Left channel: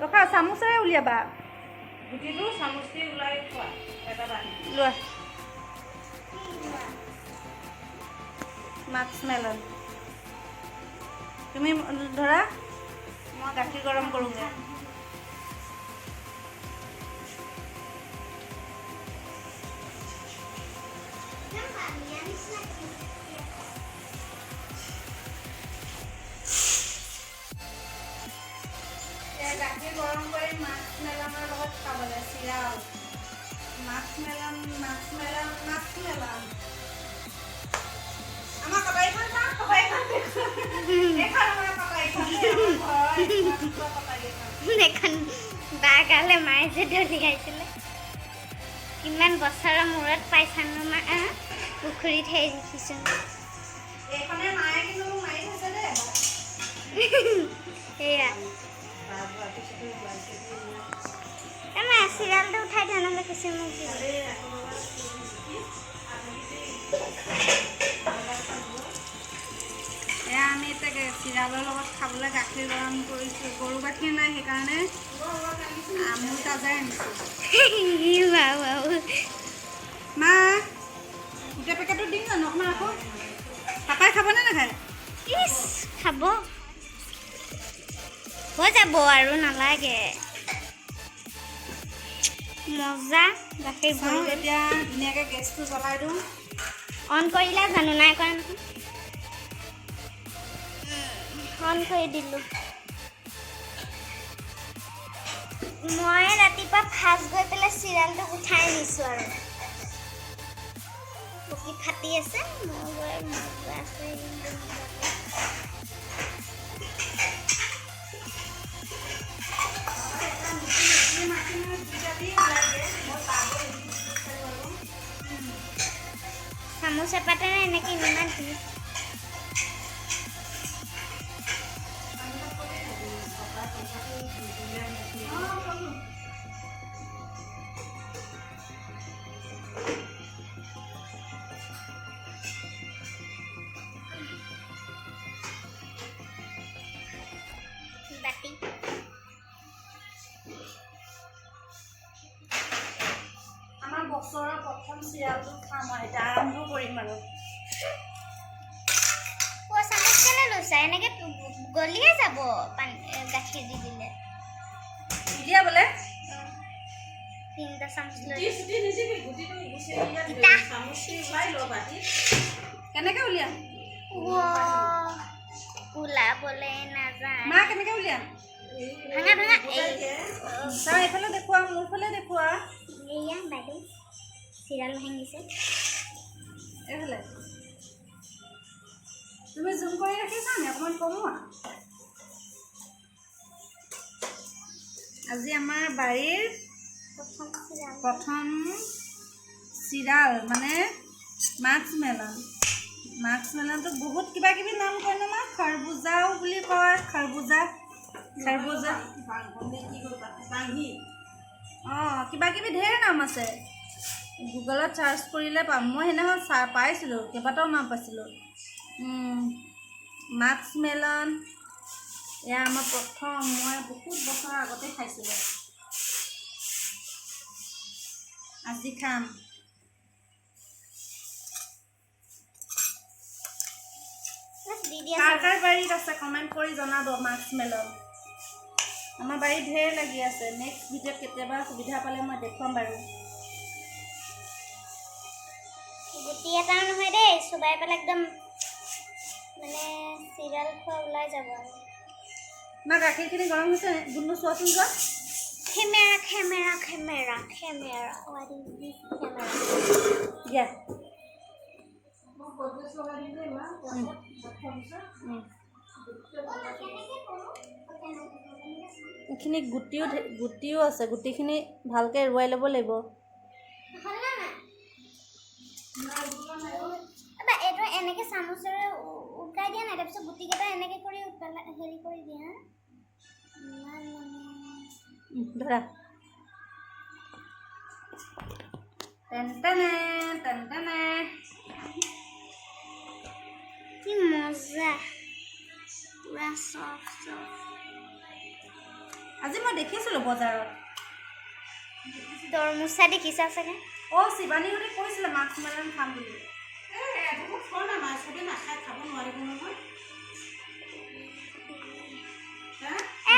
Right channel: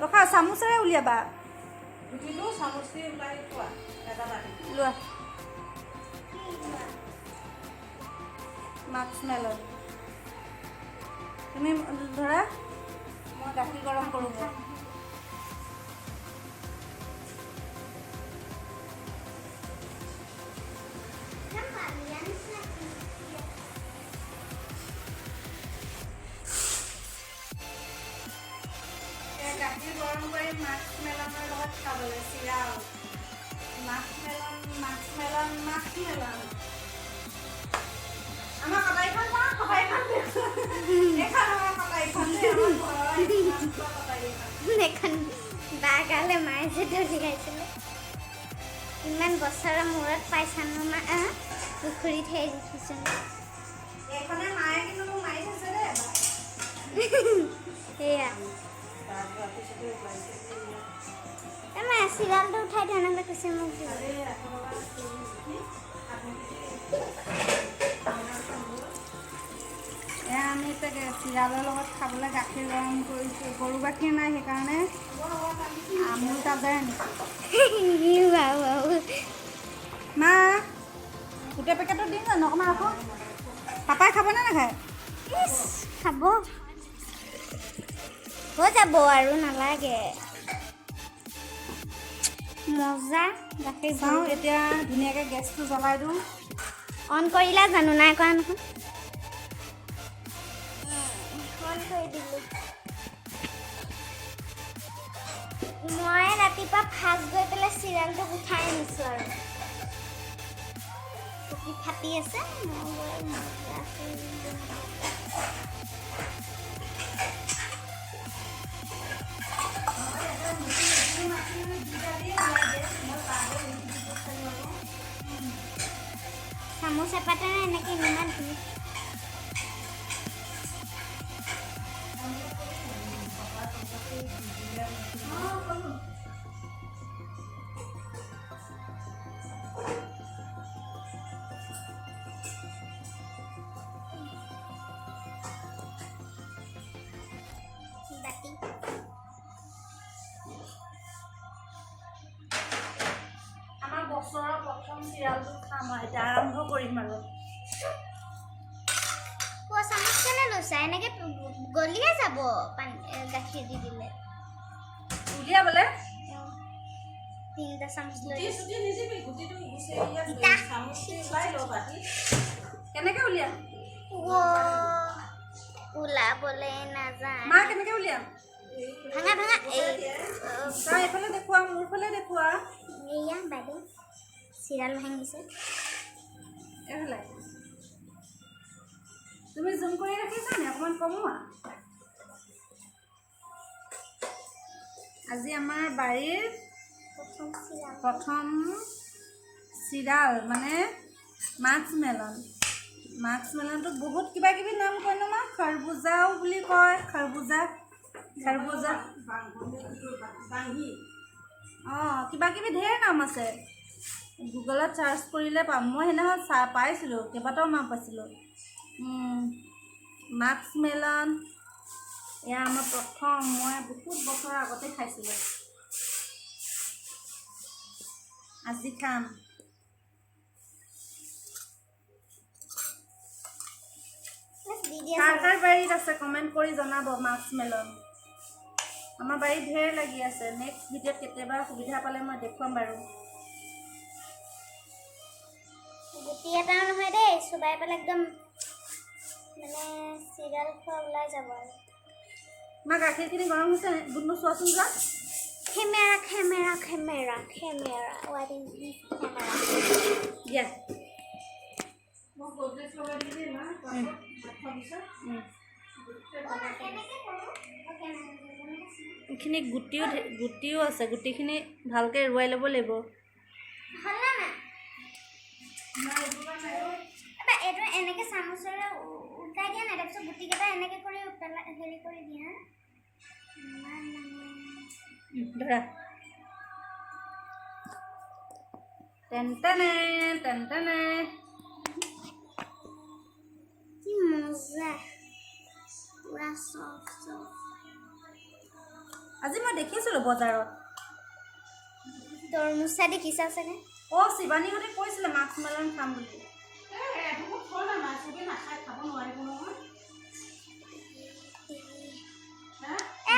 ৰখা চামুচেৰে উলিয়াবা গুটিটো চামুচি ওলাই খোৱা এটা বাটি লোৱা মাস্কমেলন তুমি ধৰা মই গাখীৰ গৰম কৰোঁগৈ গাখীৰ গৰম কৰি মাস্কমেলনৰ লগত খাবলৈ চিৰাল মাস্কমেলন আমাৰ কটাৰীখন চাওঁ কটাৰীখন এইখন আমাৰ কটাৰীখন এখন বা গালে মায়ে যে দলিয়াইছিলে কিমান বছৰৰ মূৰত পাইছানো মা পুখুৰীত হেৰি দেখিছোঁ এইখনে মায়ে কিন্তু মাৰি থৈছে দেই এবাৰ সেয়া মা চিৰিয়েলটো উঠাই দিয়া নহ'লে কিছু মোক এয়া আমি এতিয়া চিৰালৰ লগত খাবলৈ গাখীৰ গৰম কৰিছোঁ গৰু গাখীৰ নাই সেইকাৰণে আমুল তাজাই আনিছোঁ মা গোটেই পেকেটটো দিম জানো অকণমান ৰাখোঁ পাপাই খাবনে নাখায় ইছ খাব হৈ যাব আৰু নালাগে মজা গাখীৰ চাওঁ এতিয়া ধুনীয়াকৈ গেছটো জ্বলাই দিওঁ অন কৰিলা জানো নাই কৰা নহয় অন কৰি দিলোঁ মই ৰাতিপুৱা ফাৰ্ষ্ট গৈ পেলাই চিৰিয়েলটো উঠাই নিছোঁ আৰু পকি ফাটি আছে মই গৈ মজা আছে চামুচ এপাতেৰে এনেকৈ ইমান ধুনীয়া বাটি আমাৰ বছৰৰ প্ৰথম চিৰিয়েলটো খাম আৰু এতিয়া আৰম্ভ কৰিম আৰু চামুচ কেলৈ লৈছা এনেকৈ গলিয়ে যাব পানী গাখীৰ দি দিলে উলিয়াবলৈ তিনিটা চামুচ লৈ কেনেকৈ উলিয়াম ওলাবলৈ নাযায় মা কেনেকৈ উলিয়াম ভাঙা ভাঙা তই এইফালে দেখুওৱা মোৰ ফালে দেখুওৱা এয়া বাইদেউ চিৰিয়েল ভাঙিছে এইফালে তুমি জুম কৰি ৰাখিছানে অকণমান কমোৱা আজি আমাৰ বাৰীৰ প্ৰথম চিৰাল মানে মাস্কমেলনটো বহুত কিবা কিবি নাম কয় ন মা খৰবুজাও বুলি কয় খৰবুজা অঁ কিবা কিবি ঢেৰ নাম আছে গুগলত চাৰ্চ কৰিলে পাম মই সেইদিনাখন পাইছিলোঁ কেইবাটাও নাম পাইছিলোঁ মাস্কমেলন এয়া আমাৰ প্ৰথম মই বহুত বছৰ আগতে খাইছিলোঁ আজি খাম কাৰ কাৰ বাৰীত আছে কমেণ্ট কৰি জনাব মাস্কমেলন আমাৰ বাৰীত ঢেৰ লাগি আছে নেক্সট ভিডিঅ'ত কেতিয়াবা সুবিধা পালে মই দেখুৱাম বাৰু গুটি এটা নহয় দেই চুবাই পেলাই একদম মানে চিৰিয়েল খোৱা ওলাই যাব আৰু মা গাখীৰখিনি গৰম হৈছে গুণগুণ চোৱাচোন যোৱা Camera, camera, camera, camera. What is this camera? দিয়া মই গড্ৰেজ লগাই দিম দেই মা ভাত খোৱাৰ পিছত এইখিনি গুটিও আছে গুটিখিনি ভালকৈ এৰুৱাই ল'ব লাগিব এইটো এনেকৈ চামুচেৰে উঠাই দিয়া নাই তাৰপিছত গুটিকেইটা এনেকৈ কৰি হেৰি কৰি দিয়া ধৰা টেনটেনে টেনটেনে কি মজা পুৰা চফ্ট চফ্ট আজি মই দেখিছিলোঁ বজাৰত তৰমুচা দেখিছা চাগে অঁ শিৱানীহঁতে কৈছিলে মাস্কমেলন খাম বুলি এটুকুৰ ফল না মাছ চবে নাখায় খাব নোৱাৰিব নহয়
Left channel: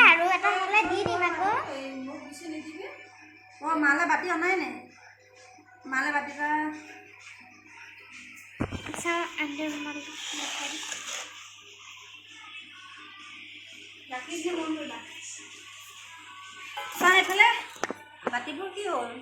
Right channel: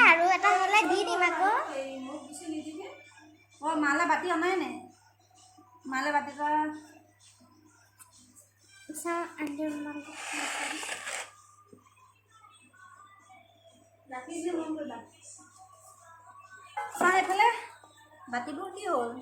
আৰু এটা হ'লে দি দিম আকৌ এই মোক বেছি নিদিবি অঁ মালে বাতি অনাই নাই মালে বাতি এটা চাওঁ আন্ধাৰ গাখীৰ মন কৰিবা চাওঁ এইফালে বাতিবোৰ কি হ'ল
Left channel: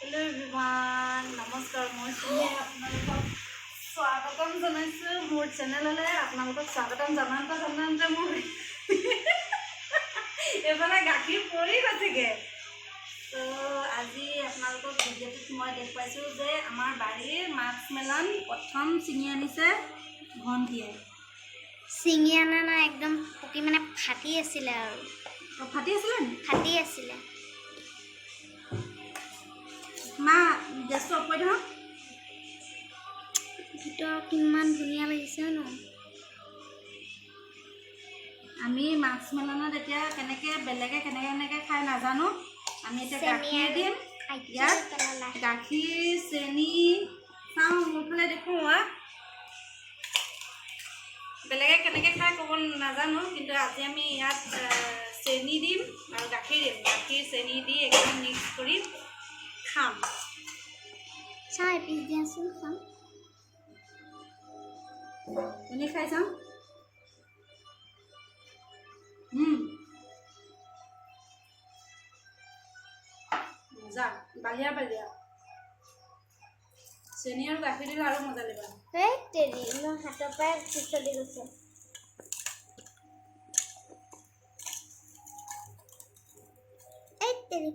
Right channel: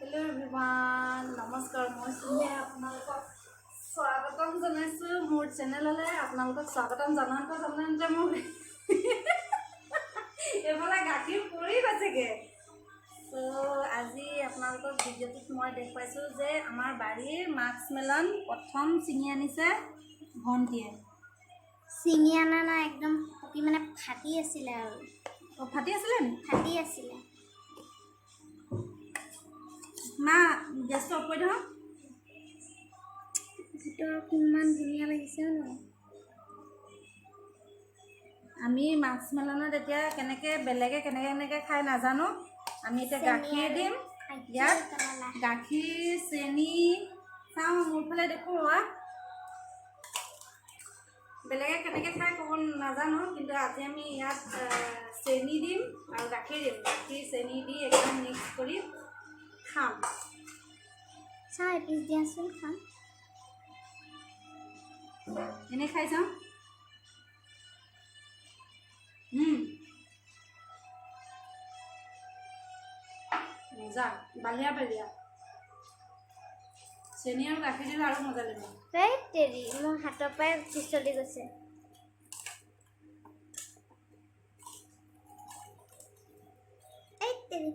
হেল্ল' এভৰিৱান নমস্কাৰ মই আপোনালোকক স্বাগতম জনাইছোঁ মোৰ চেনেললৈ আপোনালোকক স্বাগতম জনাওঁতে মোৰ এইফালে গাখীৰ পৰি গৈছেগৈ তো আজি আপোনালোকক ভিডিঅ'টোত মই দেখুৱাইছোঁ যে আমাৰ বাৰীৰ মাস্কমেলন প্ৰথম ছিঙি আনিছে ভণ্টিয়ে চিঙি অনা নাই একদম পকি মানে ফাটি আছিলে আৰু ফাটি আছিলে নি ফাটি আছিলে মা গেছটো অফ কৰি দিওঁ ভিতৰত কিমান ধুনীয়া লাগিছে ন আমি মাস্কমেলনত এতিয়া বেলেগে কেনেকৈ খাই নাজানো আমি এতিয়া গাখীৰ দিম ইয়াত গাখীৰ চেনি চাওঁ মোৰফালে দেখোঁ বেলেগে কেনেকৈ খাই ক'ব নাজানো কিন্তু আজি আমি ইয়াত চেনি দিম আৰু গাখীৰ দিম গাখীৰ চেনি দি একদম মিক্স কৰি খাম চাওঁ এপিচ দিয়াচোন খাম এনেই খাই চাওঁ মজা বালিয়া চেনি আৰু গাখীৰ দিলে আৰু মজা লাগিব এই তেৰি মোৰ হাতৰ পৰাই পিছলি গৈছে এই তেৰি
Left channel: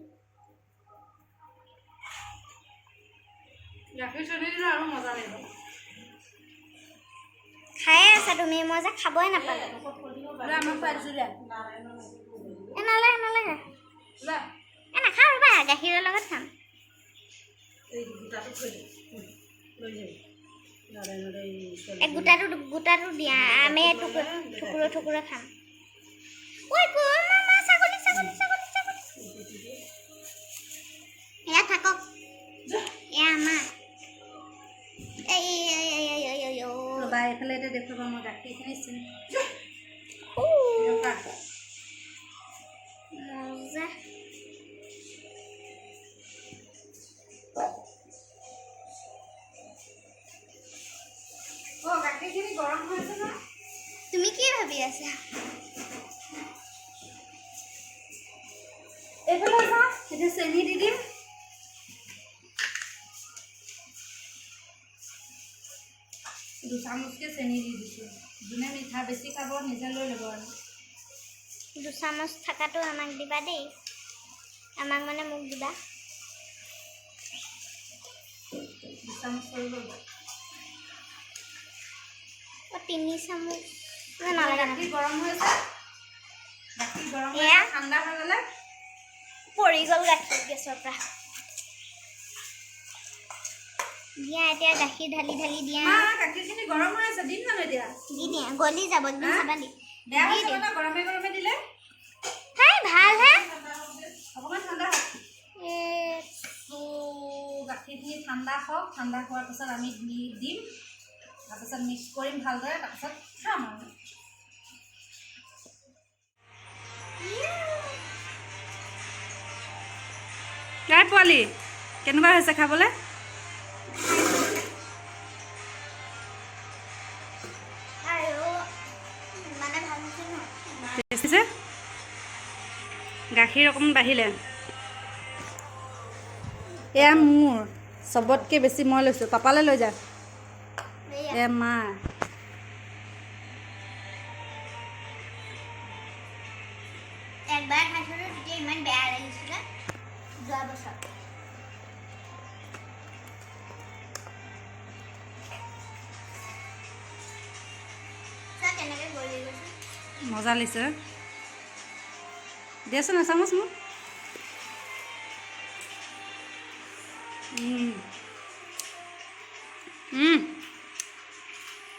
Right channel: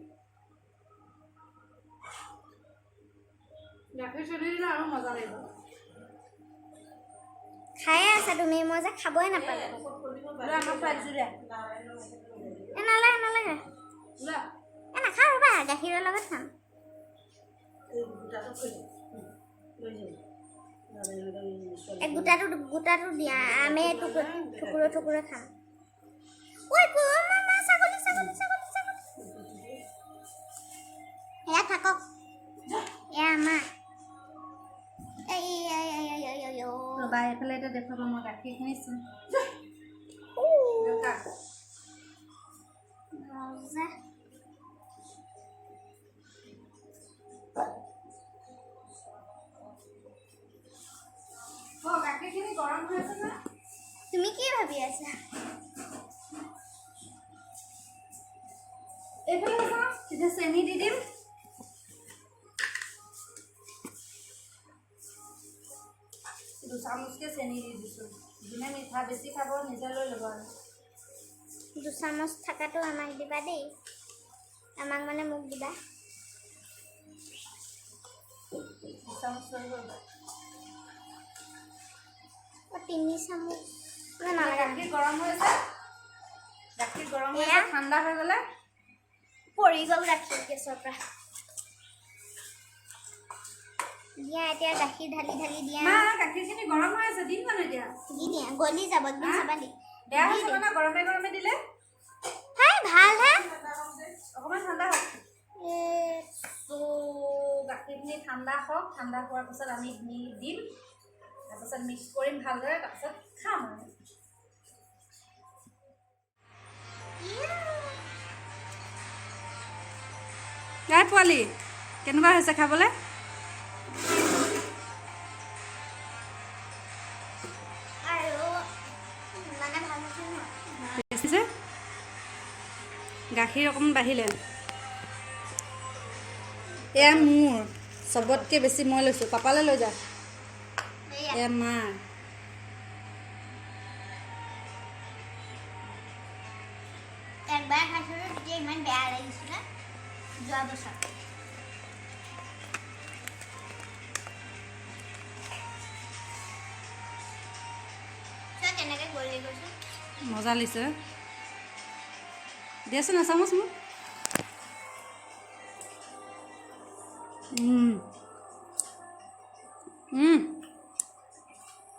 গাখীৰ চেনি দিলে আৰু মজা লাগিব খায়ে আছা তুমি মই যে খাবই নাপালোঁ আমাক খুৱাই দিছোঁ দিয়া নালাগে নালাগে নাখাওঁ ৰ'বা গাখীৰৰ লগত খাম গোটাটো দিয়া আমি টুকুৰা খাম ছাগলী এয়া থাকক এয়া আমাৰ ৰ'বা এইফালে এতিয়া দেখুৱাবা মই গাখীৰখিনি চিনি মজা গাখীৰখিনি গৰম হৈ আছে ন তুমি কি ভাবি আছা এইফালে চাওঁ এতিয়া চেনি দি দিম দুচামুচকৈ চেনি দি দিছোঁ যোনে মিঠা বেছি খাব নিজে লৈ ল'ব আৰু দুচামুচ থকাটো আমাক দিবা দেই আমাক মানে মোক দিবা দুচামুচ হৈ গ'ল 3 চামুচ নালাগে গাখীৰ গৰম হৈছে গাখীৰ গৰম এয়া ঠাণ্ডা হৈ গ'লে পৰি গ'ল গাখীৰ গেছৰ পৰা দিয়া এতিয়া গাখীৰ ঢালি দিয়া গাখীৰখিনি গৰম হৈ আছে দিম জানো এতিয়া দি দিয়া গলি যাব একদম চাবা দি বেয়া হৈছে ন গৰমে দিলে ভাল হে অকণমান ঠাণ্ডা হওক গাখীৰখিনি ঠাণ্ডা হওক ঠাণ্ডা হোৱাৰ পিছত আমি দিম তাৰপিছত মিক্স কৰিম ভালদৰে তাৰপিছত খাম আৰু হে পোৱালি কেনেকুৱা হৈছে খাবলৈ গাখীৰ অকণমান বাঢ়িলে এয়া মোৰ চবতকৈ বেছি মই লৈছোঁ পাপালৈ লৈ যা এয়া মা একবাৰ খাইছিলোঁ তেতিয়া ইমান বেয়া লাগিছিলে যোৱা বছৰ কেনেকৈ গলি গৈছে মজা লাগিছে দিয়াচোন এচামুচ মোক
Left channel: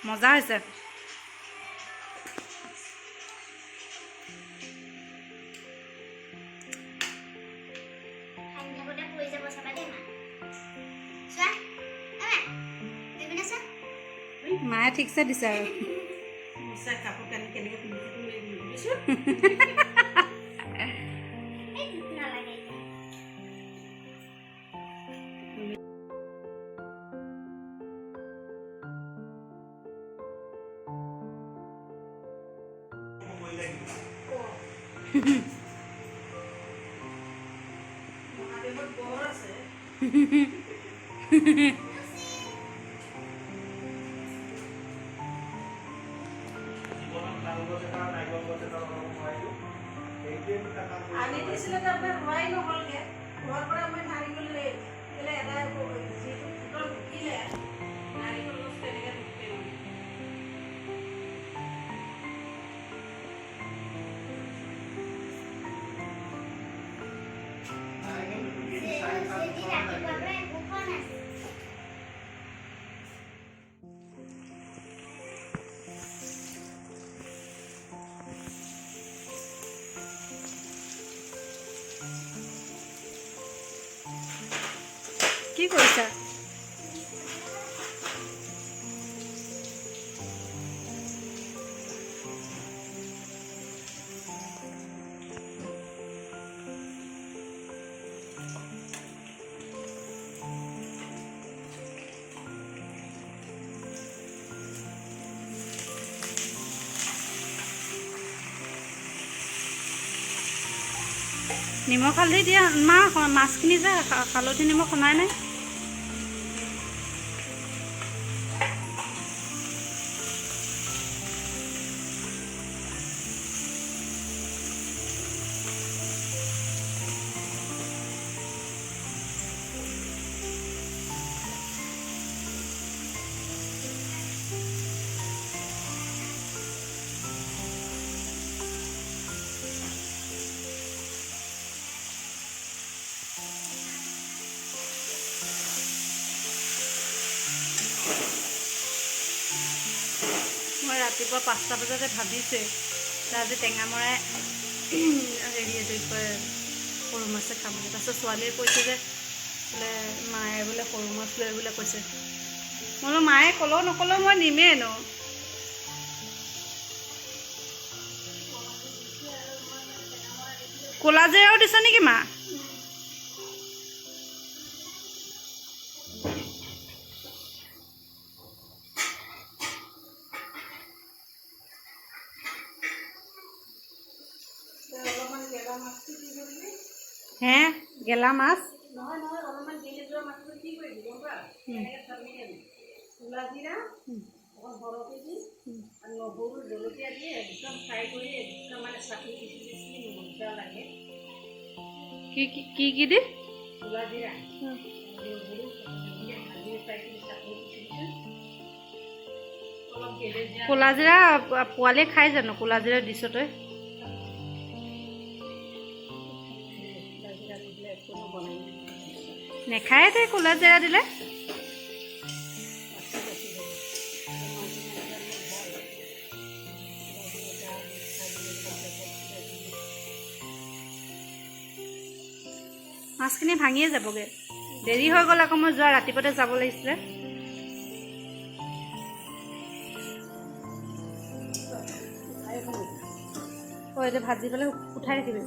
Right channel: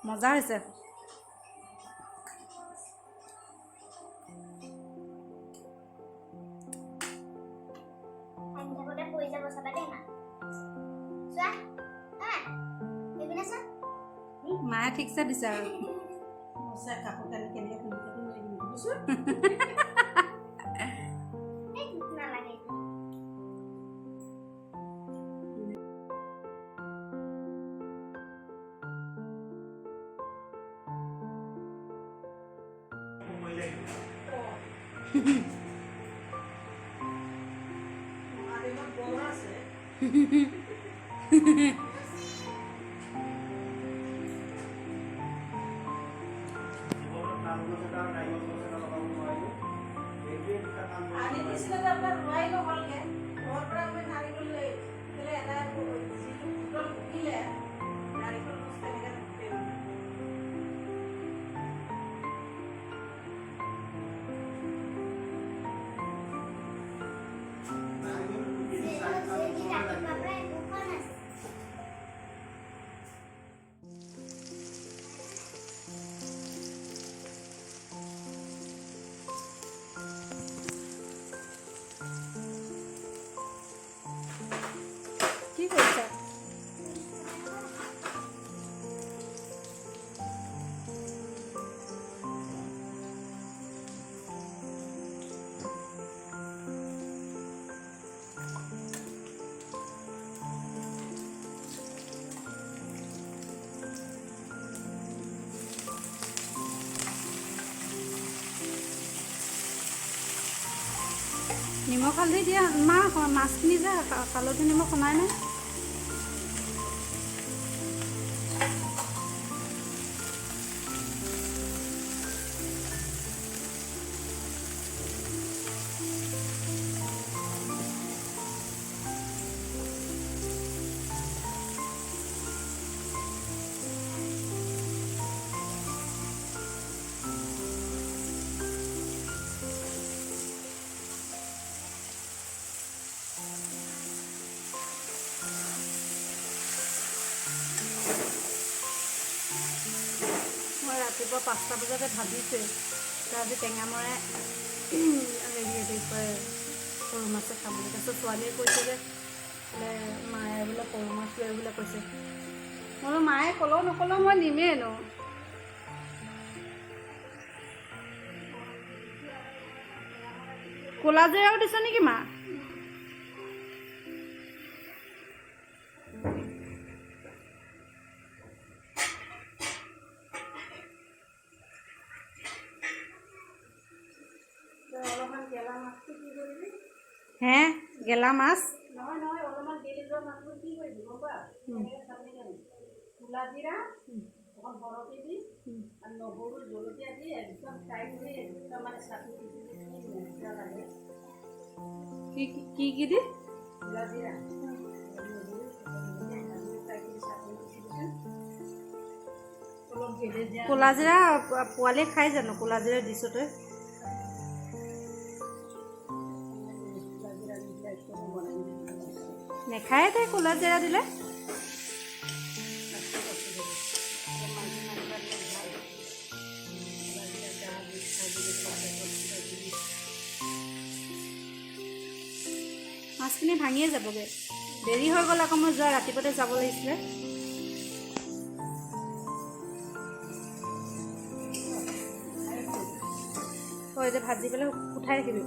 মজা হৈছে মায়ে ঠিকছে দিছে আৰু কাপোৰ কানি কেনেকৈ পিন্ধিছে আনি দিছিলে আপোনাৰ হোৱাই নহ'লগৈ ঘৰৰ পৰা মই নাৰিকল এটা যিটো ফুটল ঢুকিলে নাৰিকল গছ তেনেকৈ ঢুকিলে কি কৰিছা নিমখ হালধি দিয়া মা মাছখিনি যে হালধি নিমখ সনাই নাই মই ৰাতিপুৱা 5টা বজাতে ভাবিছোঁৱেই আজি টেঙামৰাই হেৰি এইটো কয় সৰু মাছে খাম বুলি তাৰপিছত ছোৱালীয়ে কৈছে যে বোলে মায়ে বোলে সৰু মাছ লৈ বোলে কৈছে মই বোলো মায়ে ক'লেও নক'লেও মই নিমেই ন ক'লা জিৰাও দিছে নেকি মা হে গেলা মাছ নহয় নহয় অলপমান গেলি যোৱা মাছটো কি কৰিবি গম পা এনেকৈ চামি আনি ক'লা জিৰা অকণ বৰফি দি আৰু নহৰু জলকীয়া দি একদম ফ্ৰাই কৰি একদম মানে চাটনি পিচিলে কি মজা লাগে কি দি ক'লা জিৰা নহৰু ভাজি ফ্ৰাই কৰি চাটনি পিচিছোঁ অলপ গেলি জিৰা ক'লা জিৰা পোৱালীয়ে খাই জানো ক'লা জিৰা দিছ তই নেখায় তাই ক'লা জিৰা দিলে মাছখিনি ভাঙিয়ে যাবগৈ দেৰি হৈ গ'ল আকৌ মই যোৱা ৰাতিপুৱাতে যাব লাগিছিলে এতিয়া ভাজি পেলাই উঠাই ৰাখিবি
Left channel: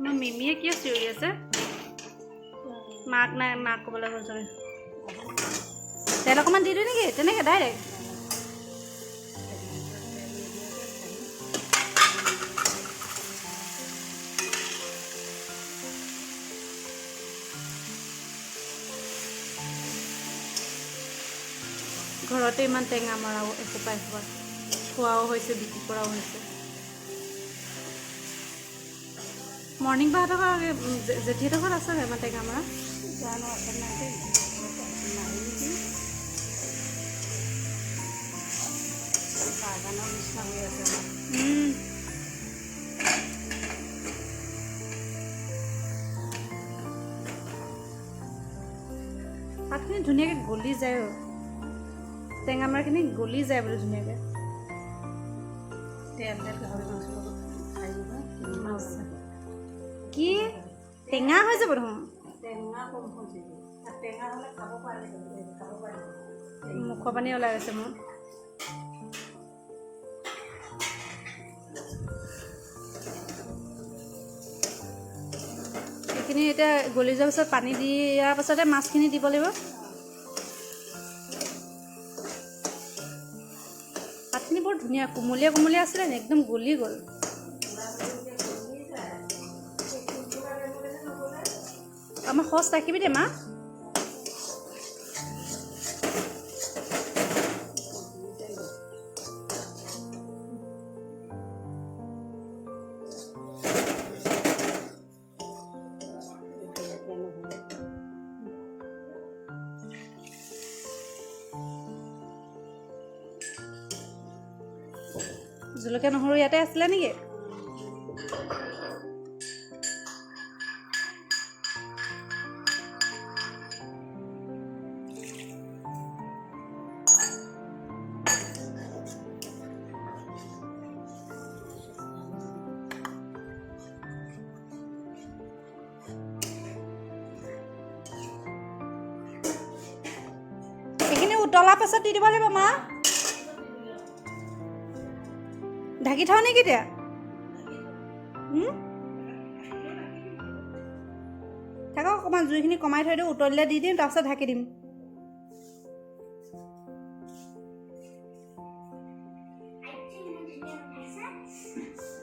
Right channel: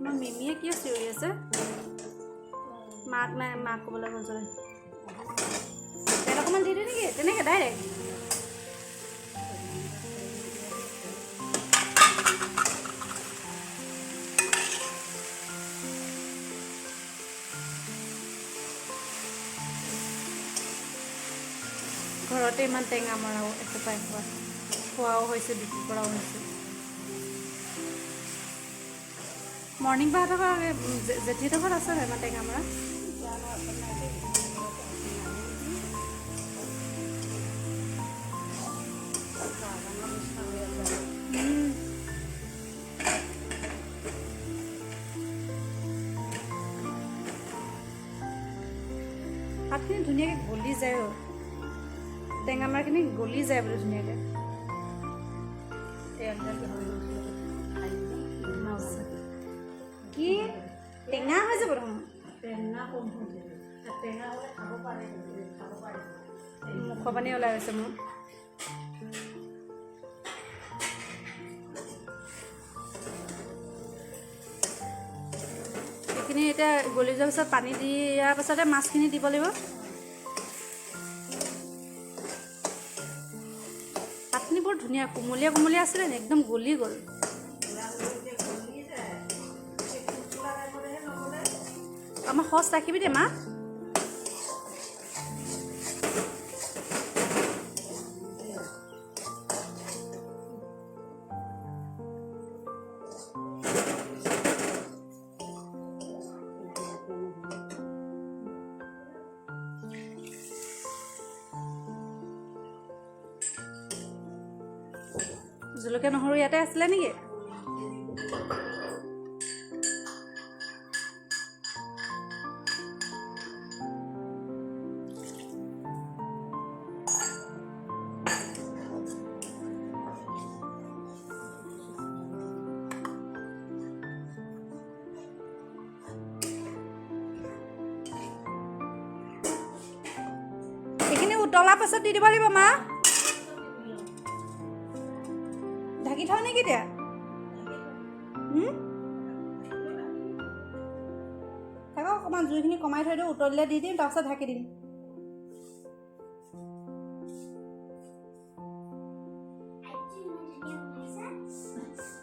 মই মিমিয়ে কিয় চিঞৰি আছে মাক নাই মাক ক'বলৈ গ'ল চাগে তেল অকণমান দি দিওঁ নেকি তেনেকৈ ডাইৰেক্ট ঘৰতে ইমান টেঙা মৰাও এসোপা এসোপা খোৱাও হৈছে বিক্ৰী কৰাও হৈছে মৰ্ণিং বাহঁতৰ জেঠীহঁতৰ ঘৰত আছে ইমান টেঙা মৰা ভাতখিনি ধুনীয়াকৈ গলি যায় টেঙা মাৰখিনি গলি যায় বোলে ধুনীয়াকৈ কি টেঙা হৈ যাব দেখোন মুখৰ পানী ওলাই গৈছে মোৰ এইখিনি এতিয়া গলি যোৱাৰ পিছত পানী দিয়াৰ পাছতে মাছখিনি দিব লাগিব পাতখিনি বৰ ধুনীয়া কোমলীয়া কোমলীয়া আছিলে নে একদম গলি গ'ল আমাৰ সচ ৰাখিবি দে মা জলকীয়া নহৰু ইয়াতে আছিলে নেকি এইখিনি উতলাৰ পাছত দি দিব লাগিব মা ঢাকি থওঁ নেকি এতিয়া থাকক অকণমান জুইখিনি কমাই থৈ দিওঁ উতলিলে দি দিম তাৰপিছত ঢাকি দিম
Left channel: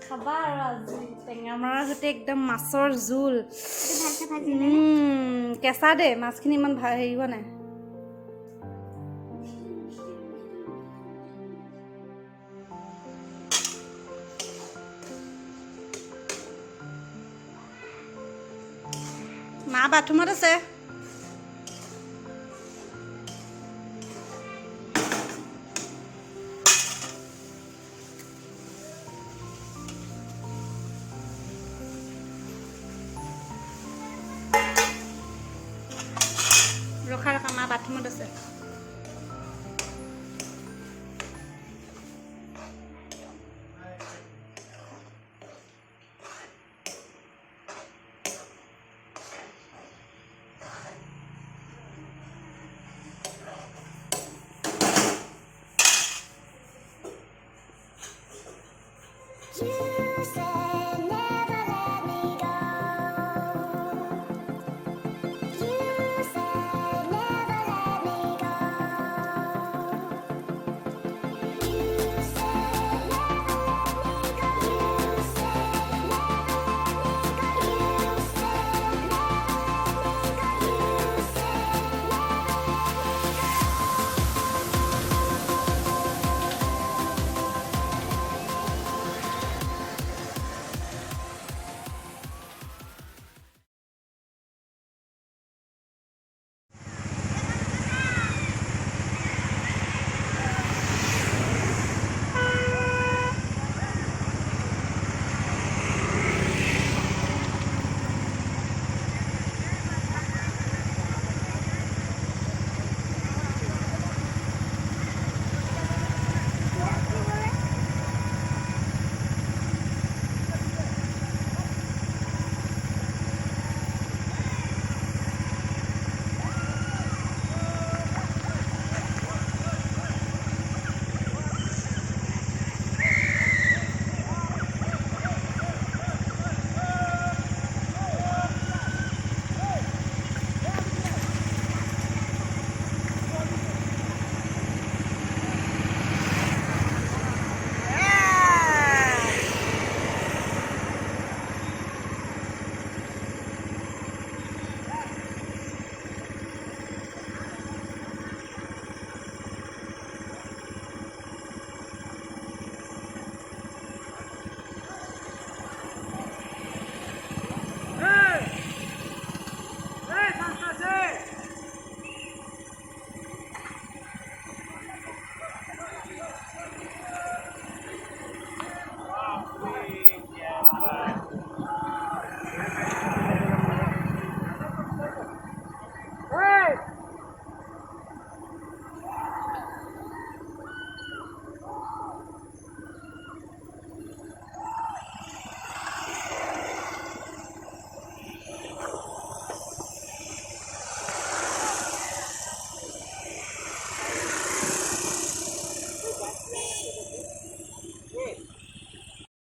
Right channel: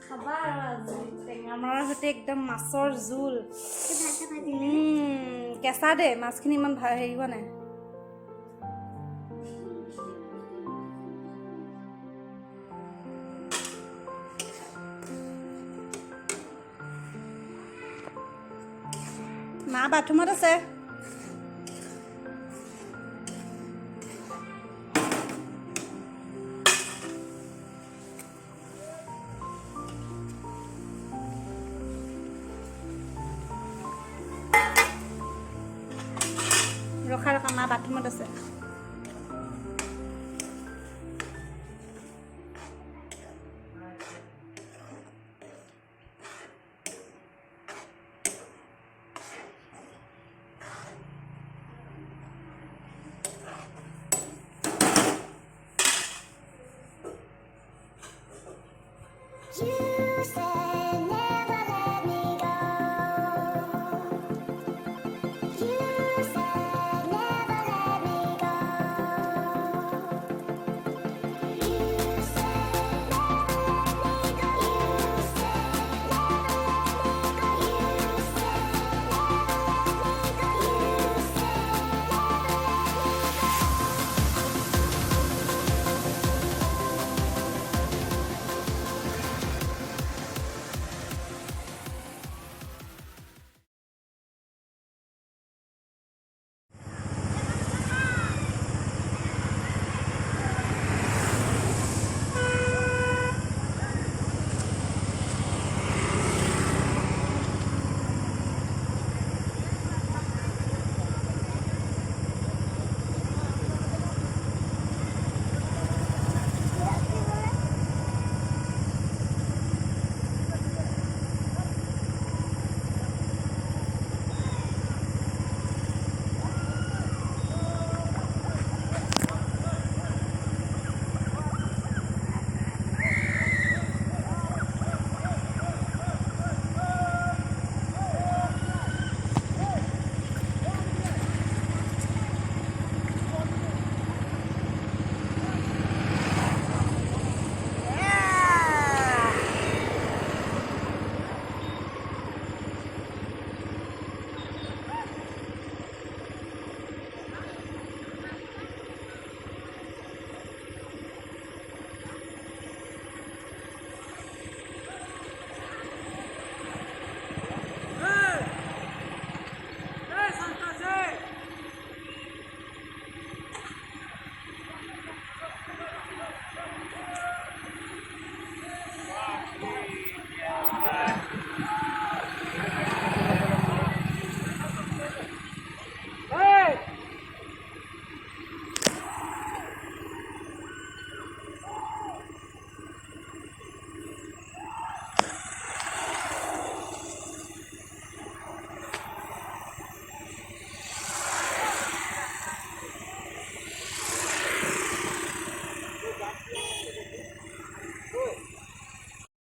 খাবা আৰু আজি টেঙা মৰাৰ সৈতে একদম মাছৰ জোল কেঁচা দে মাছখিনি ইমান হেৰি হোৱা নাই মা বাথৰুমত আছে ৰখা ৰখা মা বাথৰুমত আছে You say